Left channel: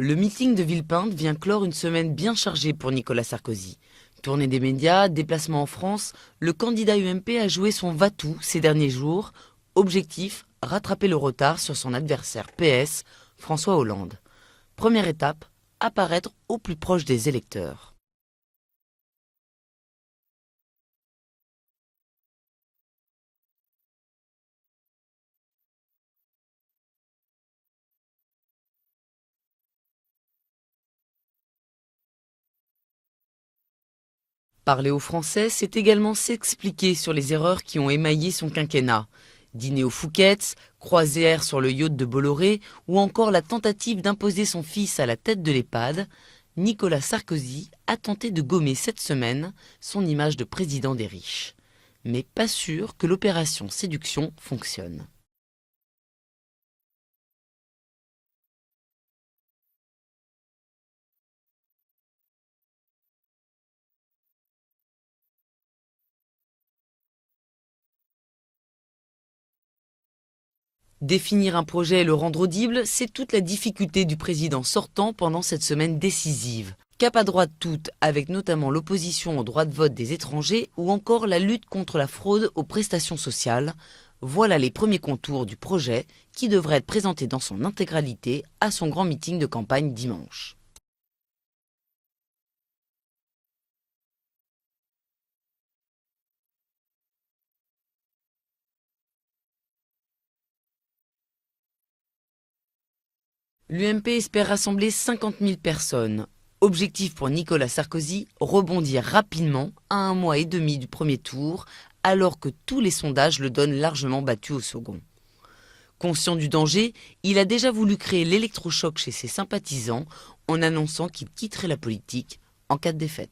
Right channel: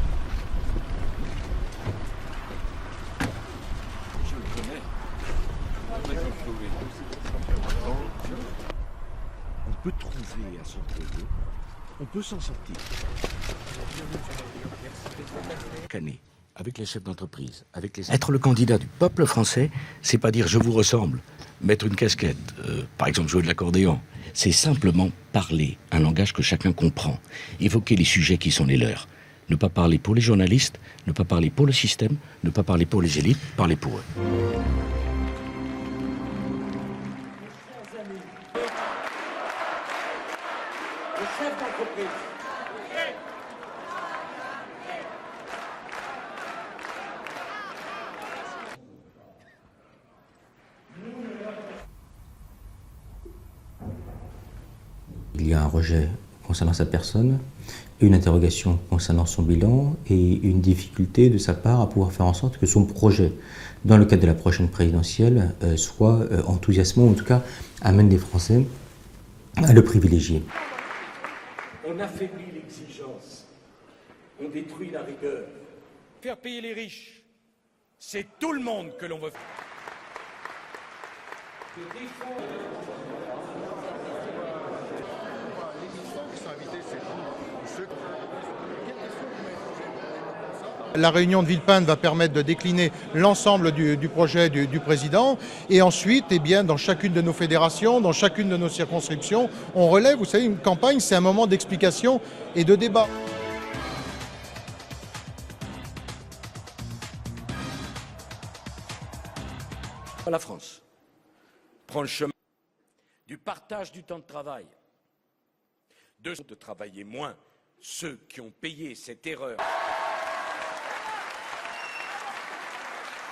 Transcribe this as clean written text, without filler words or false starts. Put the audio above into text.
Le meeting de Villepinte vient clore une semaine bien chargée pour Nicolas Sarkozy. Tournée des médias, déplacement en France, le candidat UMP a joué son va-tout ces derniers jours. Objectif, rattraper le retard sur son adversaire PS, François Hollande. Première étape, apparaître au plus proche des électeurs. Être le candidat du peuple français, c'est pas dire je vous ressemble, mettre une casquette, par exemple jouer de l'accordéon. C'est simplement parler un langage que chacun comprend, évoquer les sujets qui sont les leurs. Ne pas parler pour les journalistes, ne pas parler pour le système, ne pas parler pour les élites, parler pour eux. Parler aux Français, c'est également s'expliquer sur les erreurs qui ont émaillé son quinquennat. Dîner aux Fouquettes, croisière sur le yacht de Bolloré ou encore la tentative d'imposer son fils à la tête de l'EHPAD, Nicolas Sarkozy a tenté de gommer cette semaine son image de président des riches. Mais pas sûr que l'opération séduction fonctionne. Il y a un rejet concernant sa personne, une interrogation concernant son bilan et une difficulté de sa part à pouvoir faire en sorte que son projet, dans le cadre de la prochaine présidentielle, soit enthousiasmant, ou en tout cas amène les Français à le privilégier. Définir un projet et le rendre audible, c'est toute la difficulté du président sortant pendant cette semaine décisive. Cap à droite toute, avec notamment l'opposition au droit de vote des étrangers ou encore la lutte contre la fraude aux prestations sociales. Voilà les premiers contours du projet qui devrait être présenté dans son intégralité à son grand meeting de campagne dimanche. La réunion de Villepinte va permettre de décliner l'ensemble du projet du président. Et ensuite, dans chacune de nos fédérations, dans chacune de nos circonscriptions, on relève, vous savez, une campagne, c'est un moment d'explication et de débat. L'UMP espère rassembler 50 000 personnes. Objectif pour Nicolas Sarkozy, rebondir rapidement à un mois et demi du premier tour, alors que tous les sondages le donnent largement battu au second. Conscient du danger, il a déjà voulu créer l'électrochoc chez ses sympathisants en annonçant qu'il quitterait la politique en cas de défaite.